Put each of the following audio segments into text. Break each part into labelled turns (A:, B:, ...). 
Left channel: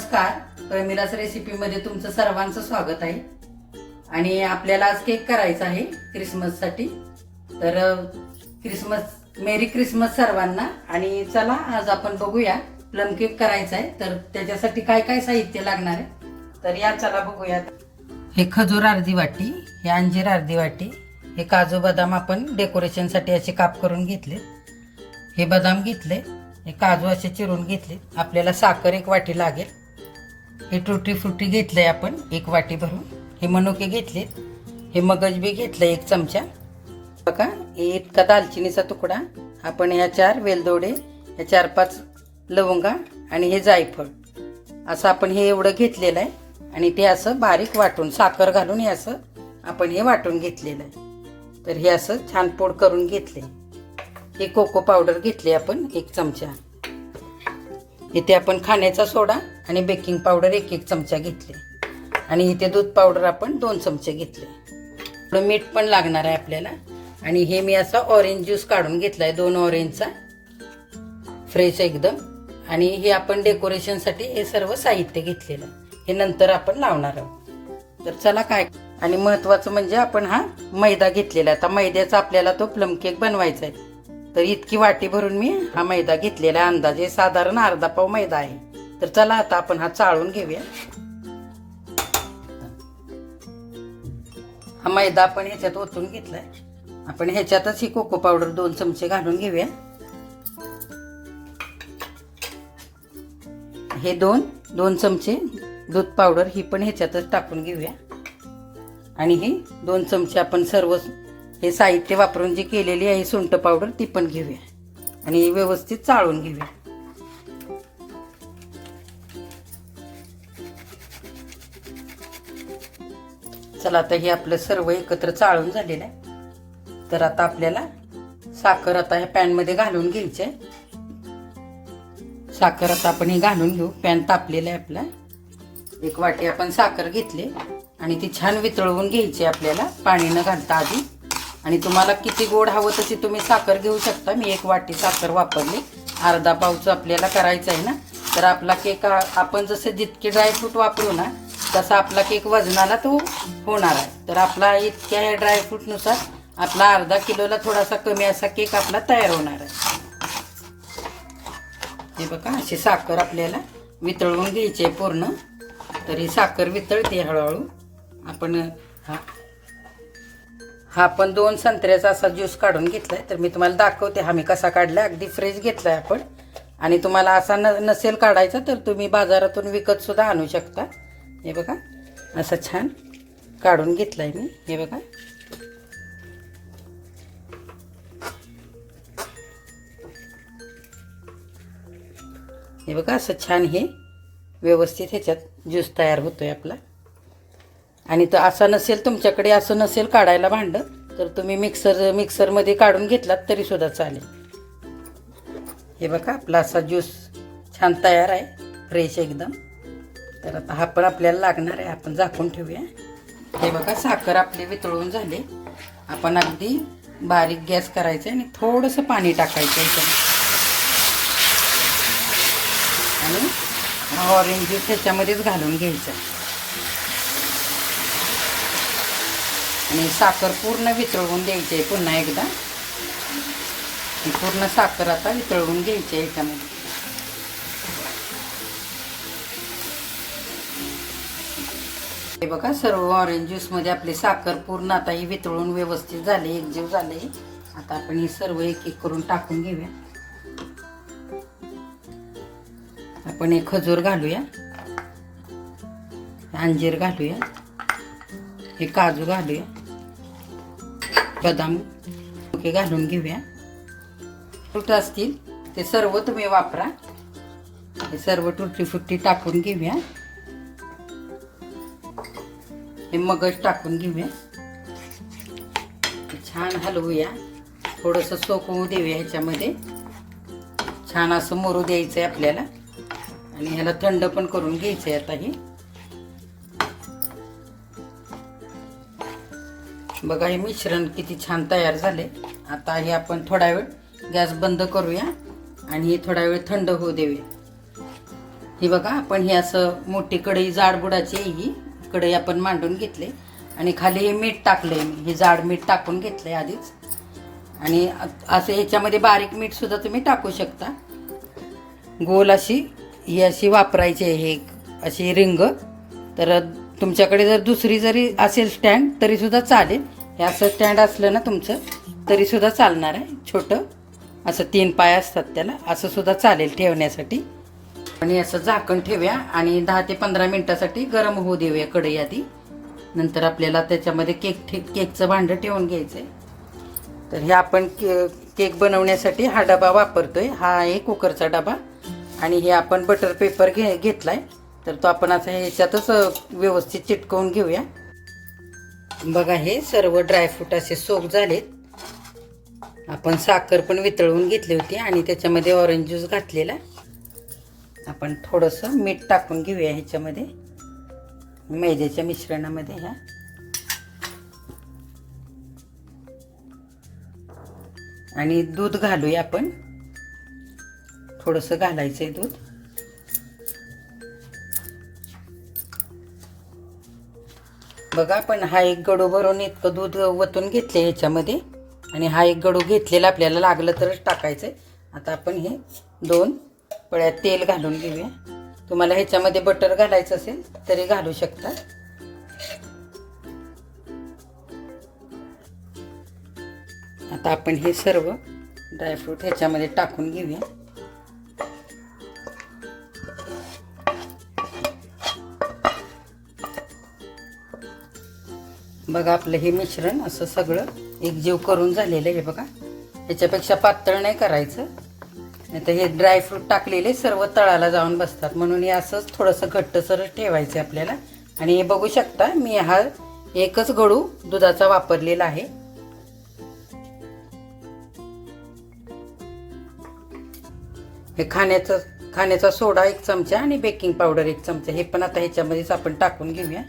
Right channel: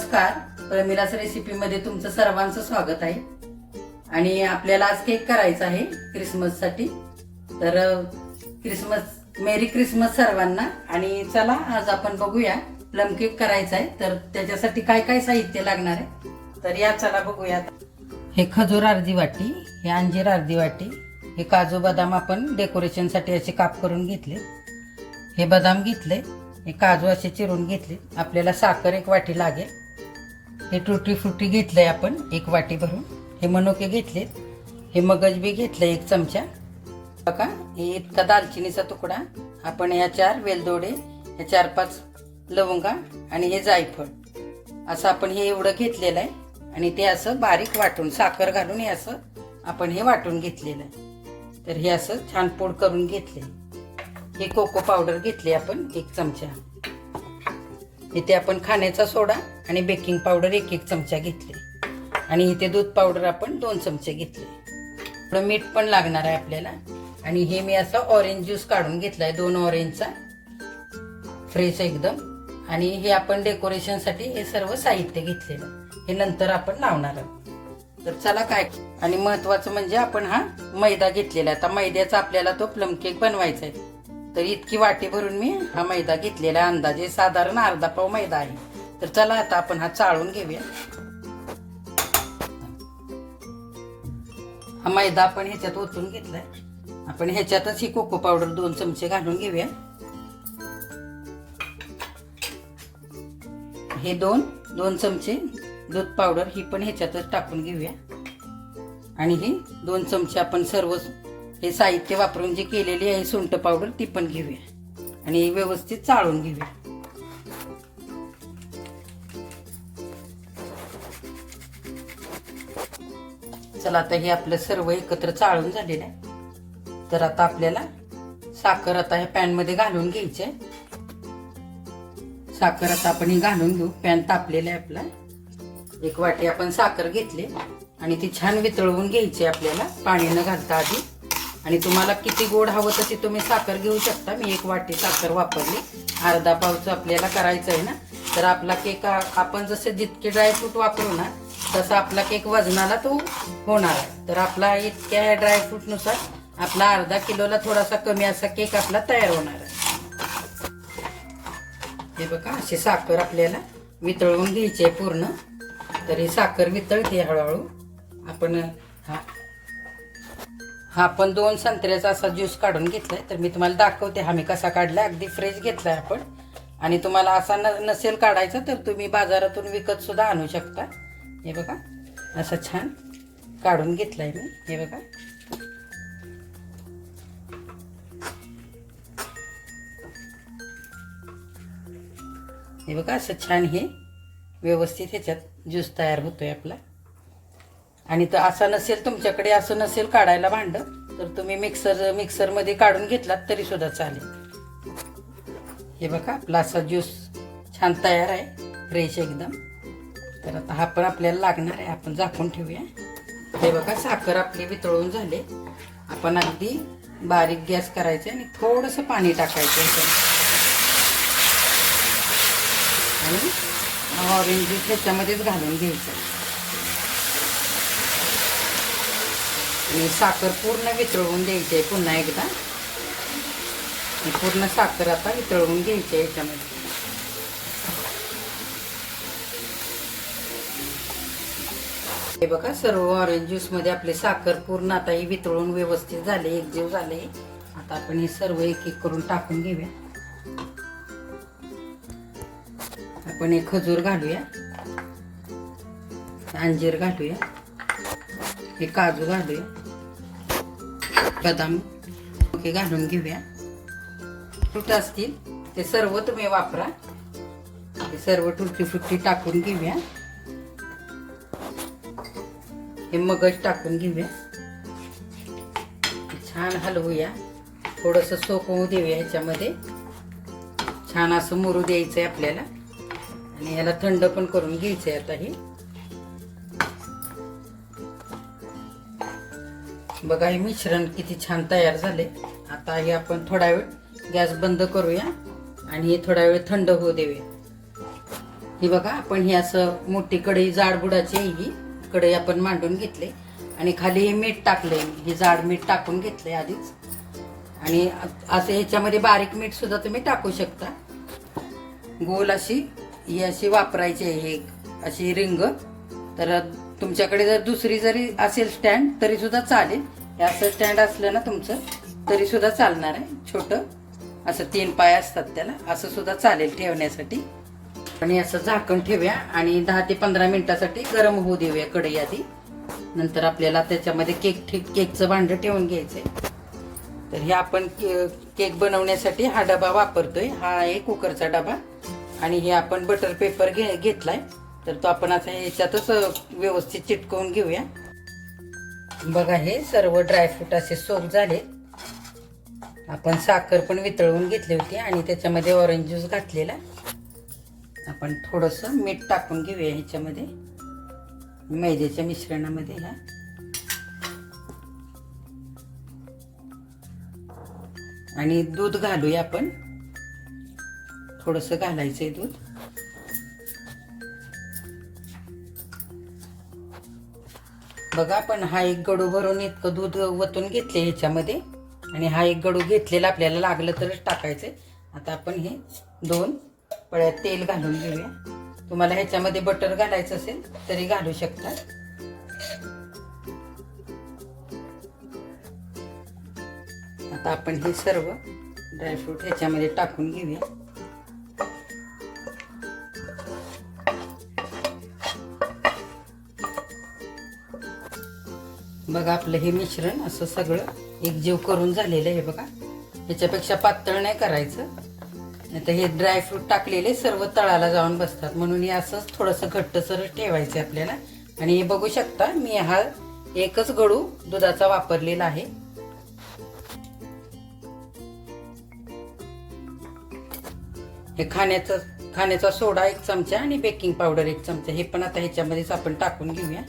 A: नमस्कार. प्रमिलास रेसिपीमध्ये तुमचं सर्वांचं स्वागत आहे. आणि आपल्याला आज केक करायचा आहे क्रिसमससाठी तर क्रिसमस मेरी क्रिसमस सर्वांना. आणि चला आज आपण बघूया प्लम केक करायचा आहे. तर त्याच्यासाठी काय काय साहित्य लागणार आहे? तर या चला बघूया हे खजूर अर्धी वाटी हे अंजीर अर्धी वाटी हे काजू बदाम आपण डेकोरेशनसाठी असे काप करून घेतले. हे बदाम घेतले हे काजू असे चिरून घेतले. आपल्याला साखर एक वाटी लागेल. हे टुटी फ्रुटी घेतलंय आपण एक वाटी भरून. हे मनुके घेतले हे मगज बी घेतलं एक चमचा. बघा हे इतका दालचिनीचा तुकडा. आपण या चार वेलदोडे या चार पाच लवंगा आणि हे जायफळ. असं आपण हे एवढं घेतलेलं आहे. आणि ते असं बारीक वाटून साखर घालून हे असं आपण हे वाटून घेतलेलं आहे. तर हे असं छान पोड करून घेतले हे कोको पावडर घेतली आपण एक चमचा. इथे आपण खाण्याचा सोडा आणि बेकिंग पावडर एक एक चमचा घेतली. आणि इथे दूध पावडर आपण दोन चमचे घेतले. थोडं मीठ पण लागणार आहे आपल्याला. आणि हे मी असं ऑरेंज ज्यूस काढून घेतलाय दोन ऑरेंजचा फ्रेश एकदम. आणि हे आपण डेकोरेशनसाठी हे सर्व साहित्य घेतलेलं. हे नंतर आपण लावणार आहोत. तर चला काय? आणि महत्वाचं म्हणजे आपण हा मैदा घेतलेला आहे. आता मैद्याचा आपल्याला तो प्लम केक बनवायचा आहे. तर इतकी वाटी भरून मी हा मैदा घेतलेला अंदाजे साधारण अर्धा पाव मैदा आहे. तर चला आता आपण हा चाळून घेऊया. हा मैदा आपण ह्याच्यात ओतून घेतलाय. आपण ह्याच्यातच ही कोको पावडर दोन चमचे घालून घेऊया. हे दोन दोन चमचे दूध पावडर ही पण ह्याच्यातच टाकून घेऊया. आणि ही दोन चमचे आपण सर्व हे साहित्य वापरून जी केलेली आहे सुंठ पावडर ती पण घेऊया. आणि व्यवस्थित चाळून घेऊया. चला आता हे आपलं सर्व एकत्र चाळून झालेलं आहे. तर आता आपल्याला साखर आता ह्या पॅनमध्ये घालून घ्यायची आहे. साखर आता आपण हे घालून घेऊ. पॅन तापलेला आहे आपला. एक वाटी आपण साखर घेतली. आणि ती छान वितळवून घ्यायची आपल्याला. पाणी न घालता आधी. आणि तुम्हाला किती गोड हवं तशी तुम्ही साखर घेऊ शकता. मी एक वाटी साखर वापरली. अर्धा पावचं आपल्याला करायचं आहे ना. तर आपला केक आपण जसं जितके ड्रायफ्रूट वापरू ना तसा आपला केक वजनाला तो होणार आहे. तर आपला इतक्या या ड्रायफ्रूटनुसार आपला अर्धा किलोला थोडासा कमी असा केक आपला तयार होणार आहे. हे बघा अशी साखर आपल्याला वितळवून घ्यायची आहे पूर्ण. तर ही साखर वितळते हळूहळू. आपण हा आपण दोन संत्र्याचा असा ज्यूस काढून घेतलाय. तर मी तुम्हाला दाखवते हा मी कसा काढला. अगदी फ्रेश घेतलाय आपण. आणि तुम्हाला असा न नसेल काढायचा तर तुम्ही बाजारातून विकत सुद्धा आणू शकता. हे बघा असं छान काढून घेतलाय मी. हे बघा. हे बघा असं छान हे व्यवस्थित ह्याच्यात ज्यूस तयार होतोय आपला. आणि तर असं नसेल तुमच्याकडे असं नसेल काढायला भांडं तर तुम्ही मिक्सर मिक्सरमध्ये काढून घेतलात तरी सुद्धा चालेल. हे बघा आपला असा ज्यूस छान तयार आहे फ्रेश एकदम. तर आता हा पण आपल्याला लागणार आहे आपण झाकून ठेवूया. हे बघा साखर आपली वितळून झाले. आपण अगदी बारीक गॅस करायचा आणि थोडंसं पाणी टाकायचं आणि ऑरेंज ज्यूस त्याच्यामध्येच घालून घ्यायचा आणि साखर पूर्ण वितळवून द्यायची आहे पुन्हा एकदा. ही पूर्ण साखर आता वितळवून घ्यायची आहे याच्यामध्ये. हे बघा सर्व ऑरेंज ज्यूसमध्ये आपली साखर पूर्ण आता ही वितळून व्यवस्थित झाले एकजीव झाले. आता आपण ही सर्व एक एक करून टाकून घेऊया. आपण एक खजूर घालूया. अंजीर घालूया. हे काजू घालूया. बदाम हे घालून घेऊया. फ्रूट असतील ते सर्व तुम्ही वापरा. हे सर्व टुटी फुट्टी टाकून घेऊया. हे मगज टाकून घेऊया. छान हलवूया. थोडंसं सोकवू देऊया ह्याच्यामध्ये. छान असं मोरू द्यायचं आहे आपल्याला. आणि ह्याला थंड पण करून घ्यायचं आहे आता हे. बघा हे मिश्रण किती छान तयार झाले. आता हे आपण थोडा वेळ गॅस बंद करूया आणि हे थोडा वेळ थंड होऊ देऊया. ही बघा आपण हे असं मोठी कढई जाड बुडाची ही. कढई आपण मांडून घेतले. आणि खाली हे मीठ टाकले हे जाड मीठ टाकून घेतले आधीच. आणि असं ह्याच्यामध्ये बारीक मीठ सुद्धा तुम्ही टाकू शकता. गोल अशी ही अशी वापरायची आहे हे अशी रिंग. तर तुमच्याकडे जर दुसरी जरी असेल स्टँड तरी सुद्धा चालेल. हे असं स्टँड असलं ना तुमचं तरी सुद्धा चालणार आहे. छोटं. असं तीन पाय असतात त्याला. असं सुद्धा चालेल ठेवण्यासाठी. आणि असं झाकण ठेवूया. आणि दहा ते पंधरा मिनिटासाठी गरम होऊ देऊया कढई आधी. नंतर आपल्याला त्याच्यामध्ये केक ठे केकचं भांडं ठेवून घ्यायचंय. तर हे आपण के- केक बनवण्यासाठी हा डबा वापरतोय. हा आहे कुकरचा डबा. आणि हे आपण बटर पेपर घे घेतलाय. तर तो आपण आता ह्याच्यातच व्यवस्थित चिटकवून घेऊया. बघा हे सर्व ड्रायफ्रूट असे सोप झालेत. आपण साखर पण वितळवून घेतली होती आणि त्याच्यामध्ये ऑरेंज ज्यूस घातलेला. आपण थोडंसं मीठ टाकून घेऊया ह्याच्यामध्ये. मैद्याच्या मिश्रणामध्ये ह्या आणि दूध घालूया आपण. थोडंसं घालायचं आहे दूध. बघा आपण हा एक गडू भरून इतकं दूध वतून घेतले ह्याच्यामध्ये. आणि हा एक गडू घेतलेला आपल्याला लागलं तरच टाकायचं आता आपण हे दोन पळ्यात तेल घालून घेऊया. तुम्हाला ह्याच्यामध्ये बटर घालायचं असेल तरी घालू शकता. आता आपण हे सर्व ड्रायफ्रूट ह्याच्यामध्ये टाकून घेऊया. बघा आपलं हे मिश्रण असं सगळं एकजीव करून झालेलं आहे बघा. ह्याच्यापेक्षा पातळ नाही करायचं. नाही तर हे ड्रायफ्रूट टाकलेले सर्व तळाला जाऊन बसतात. म्हणून हे असंच थोडंसं घट्टसरच ठेवायचं आहे आपल्याला. आणि हे बघू शकता मी हा एकच गडू दुधाचा वापरलेला आहे. हे खाण्याचं खाण्याचा सोडा एक चमचा आणि बेकिंग पावडर एक चमचा. हे पण आता ह्याच्यामध्येच आपण टाकून घेऊया.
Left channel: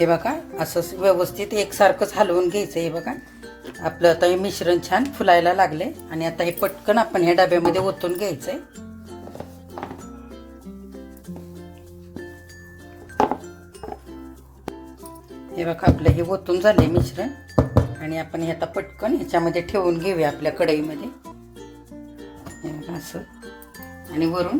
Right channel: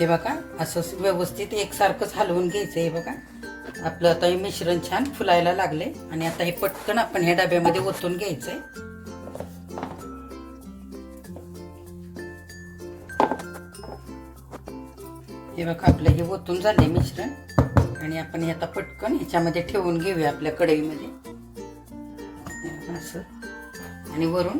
A: हे बघा असं व्यवस्थित एकसारखंच हलवून घ्यायचं हे बघा. आपलं आता हे मिश्रण छान फुलायला लागले आणि आता हे पटकन आपण ह्या डब्यामध्ये ओतून घ्यायचंय. हे बघा आपलं हे ओतून झाले मिश्रण. आणि आपण हे आता पटकन ह्याच्यामध्ये ठेवून घेऊया आपल्या कढईमध्ये. असं. आणि वरून.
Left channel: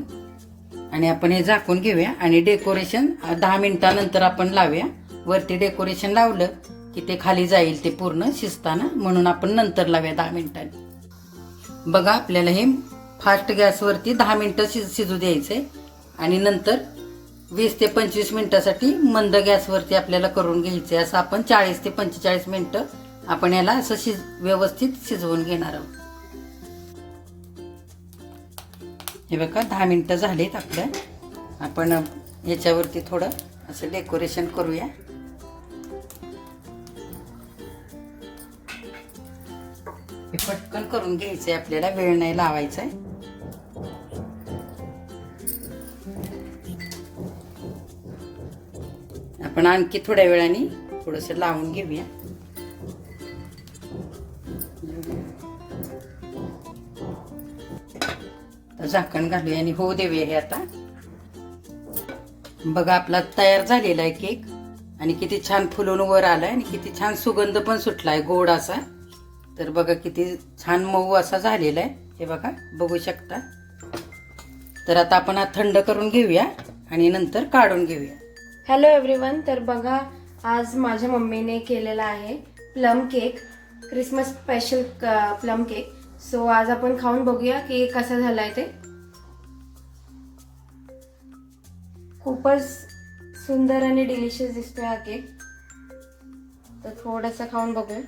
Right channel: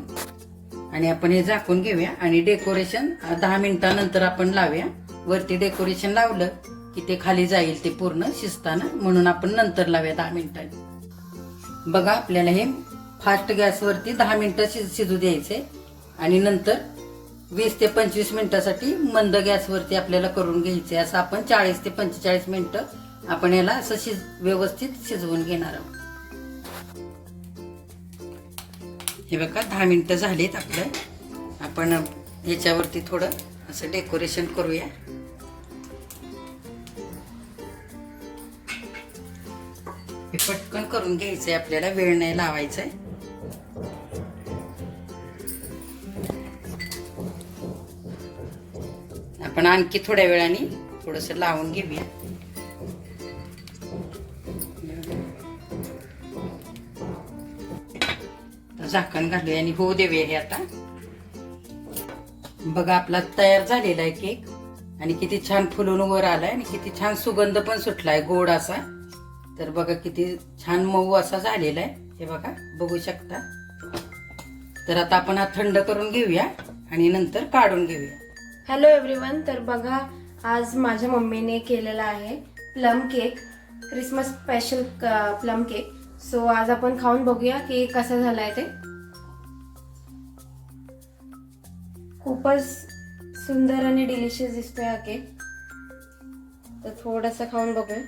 A: आणि आपण हे झाकून घेऊया आणि डेकोरेशन दहा मिनिटानंतर आपण लावूया. वरती डेकोरेशन लावलं की ते खाली जाईल ते पूर्ण शिजताना म्हणून आपण नंतर लावूया दहा मिनिटांनी बघा आपल्याला हे फास्ट गॅसवरती दहा मिनिटं शिज शिजू द्यायचे आणि नंतर वीस ते पंचवीस मिनिटासाठी मंद गॅसवरती आपल्याला करून घ्यायचे असं आपण चाळीस ते पंचेचाळीस मिनिटं आपण याला असं शिज व्यवस्थित शिजवून घेणार आहोत. हे बघा दहा मिनिटं झालीत आपलं आपण याच्यावरती थोडं असं डेकोरेशन करूया. हे पटकन करून घ्यायचंय आपल्याला वेळ नाही लावायचा आहे आपण आणखी थोड्या वेळाने थोडस लावून घेऊया. झाकण घालूया आणि होऊ देऊया हे आता. बघा आपला तयार झालेला आहे केक. आणि किती छान फुलून वर आलाय आणि किती छान सुगंध पण सुटलाय गोड असा. तर बघा किती छान मऊ असा झालेला आहे. हे बघा बघू शकता. तर आता आपण हा थंड करून घेऊया आणि नंतर काढून घेऊया.
B: हॅलो एव्हरीवन तर बघा आज माझ्या मम्मीने केलेला आहे plum cake Christmas special plum cake so आज आपण खाऊन बघूया की कसा झालाय ते. खूपच सुंदर आणि डिलिशियस दिसतोय हा केक तर थोडंसं खाऊन बघूया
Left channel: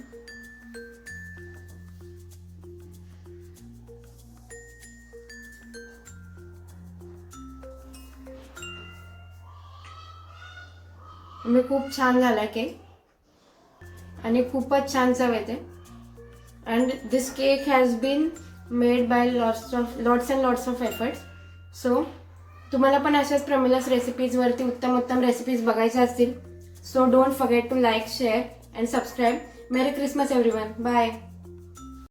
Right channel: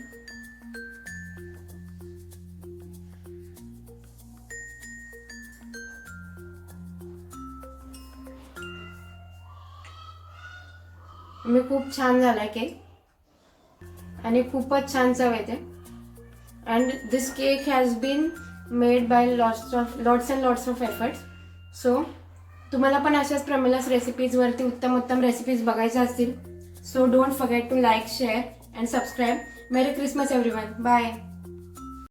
B: मी खूप छान झाला केक. आणि खूपच छान चव येते. And this cake has been made by lots of lots and lots of efforts so तुम्हाला पण अशाच प्रमिलास रेसिपीजवरती उत्तम उत्तम रेसिपीज बघायच्या असतील. So don't forget to like share and subscribe merry Christmas everyone bye